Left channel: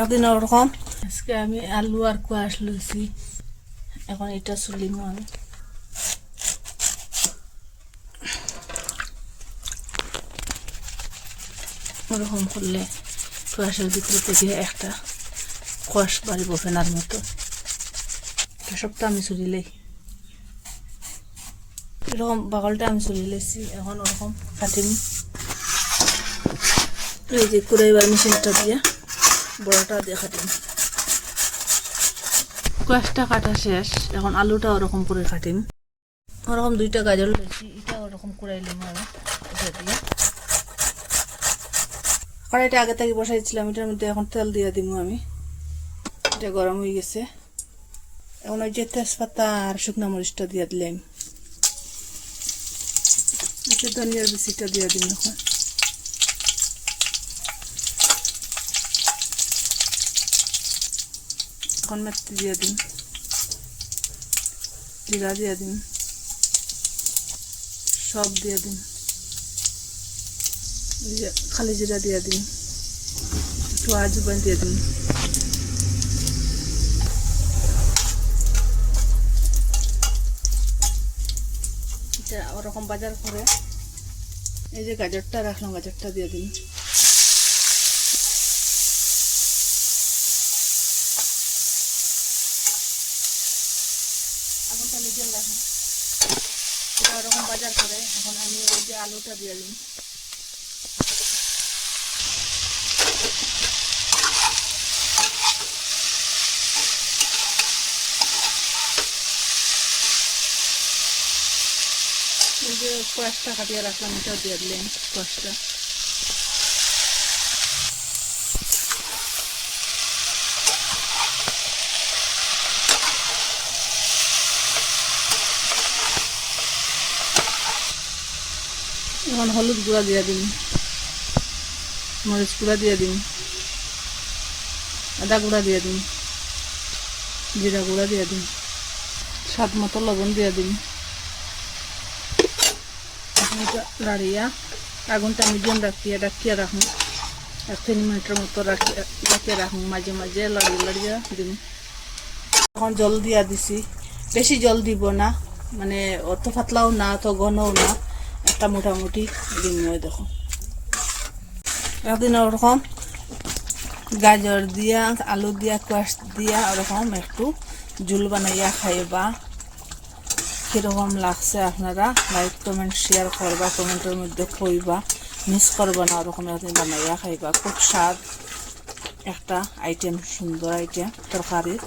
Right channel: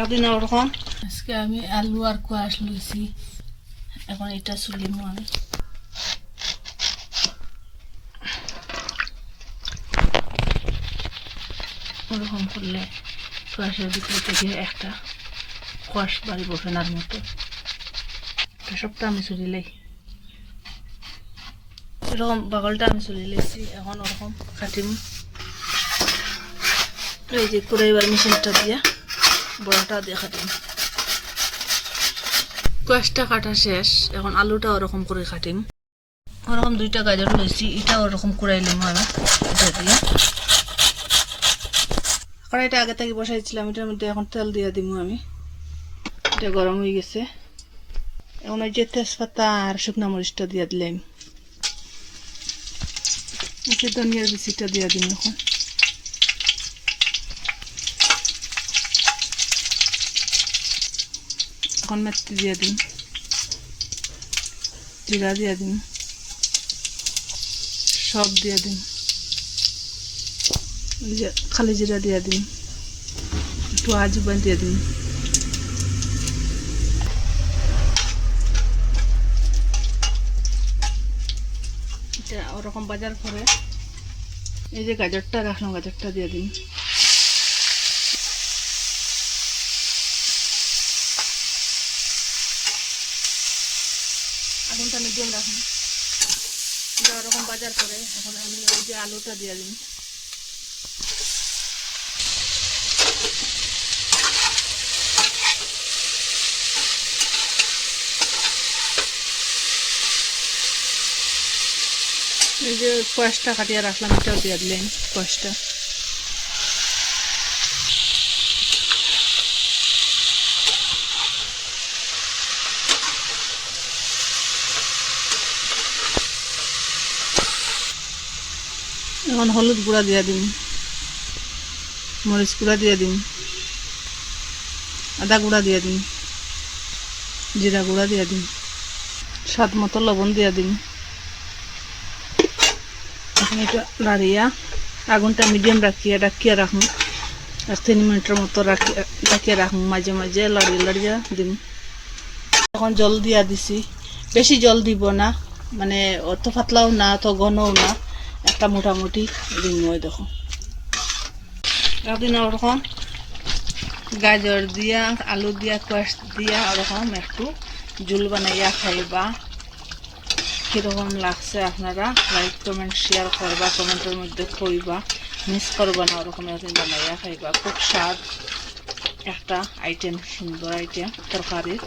একদিন ওরকম? আজকে আমি আলু আর কোয়াশ লইছি। এখন এটা চুলিমো আমি। এরকম করলে কোয়াশের ভিতরে থেকে একটা কোয়াশ বাড়িব ফেনার মতো। সবটা আমি চুলিলেই এরকম বাগলটা আমি চুলি লেছি এখন ওরকম কাটিম। এই যে কুড়াইবার মেশিনটা দিয়ে। বড়টা দিয়ে কাটিম কোয়াশটা কাটা শেষ, এখন আলুটা ওরকম করে কাটিম। ওরকম দুইটা গাজর লইছি এটা ওরকম কুড়াইলাম আমি এটা দিয়ে। কড়াইটা আগে থেকে বসাইছিলাম, এটার মধ্যে এখন তেল দিয়ে দিব আমি। এটা গরম হয়ে গেছে। এখন ওই যে তেজপাতা আর শুকনো মরিচটা দিয়ে দিলাম। ধনিয়ার বিচিটা দিয়ে দিন এখন। এখন মেথি দিয়ে দিন জিরা দিয়ে দিন সব দিয়ে দিন খালি জিরা দিয়ে দিন একটু আজুবান দিয়ে দিন ওরকম বাজার করে এই যে গাজরটা রাখলাম গাজরটা দিয়ে দিন আগুনটা মিডিয়াম রাখুন। এটা ওরকম বাজার করে, এখন আমি ওই যে আলুটা দিয়ে দিন এই যে কোয়াশটা কাটিয়ে রাখলাম, এটাও দিয়ে দিলেন কোয়াশটা এখন হলুদ গুঁড়া দিয়ে দিন। মরিচ গুঁড়া দিয়ে দিন। আদা গুঁড়া দিয়ে দিন। জিরা গুঁড়া দিয়ে দিন। স্বাদ মতো লবণ দিয়ে দিন। এখন এটা লাড়িয়া আগুনটা মিডিয়াম রাখিয়া, ডাকিয়া রাখুন। আর তিন মিনিটের মতো রাখিয়া, ডাকিয়া রাখুন। মাঝে মাঝে লড়িয়ে লড়িয়া দিন। এখন জল দিয়া দিছি। বেশি জল দিব না। মানে অত পাতলাও না, অত ঘনও না। একটা মোটামুটি ওই দেখো। একদিন ওরকম গাজর দিয়া, আলু দিয়া, কোয়াশ দিয়া ওরকম একটু জুল বানাইয়া খাইবা। কীরকম লাগছে আপনারা লাইক কমেন্ট শেয়ার করবা, কমেন্টের মধ্যে কইবা। মিস করবা না, ওরকম একদিন বানাইয়া খাইবা। খুব স্বাদ একটা আইটেম সুন্দর আইটেম তরকারির।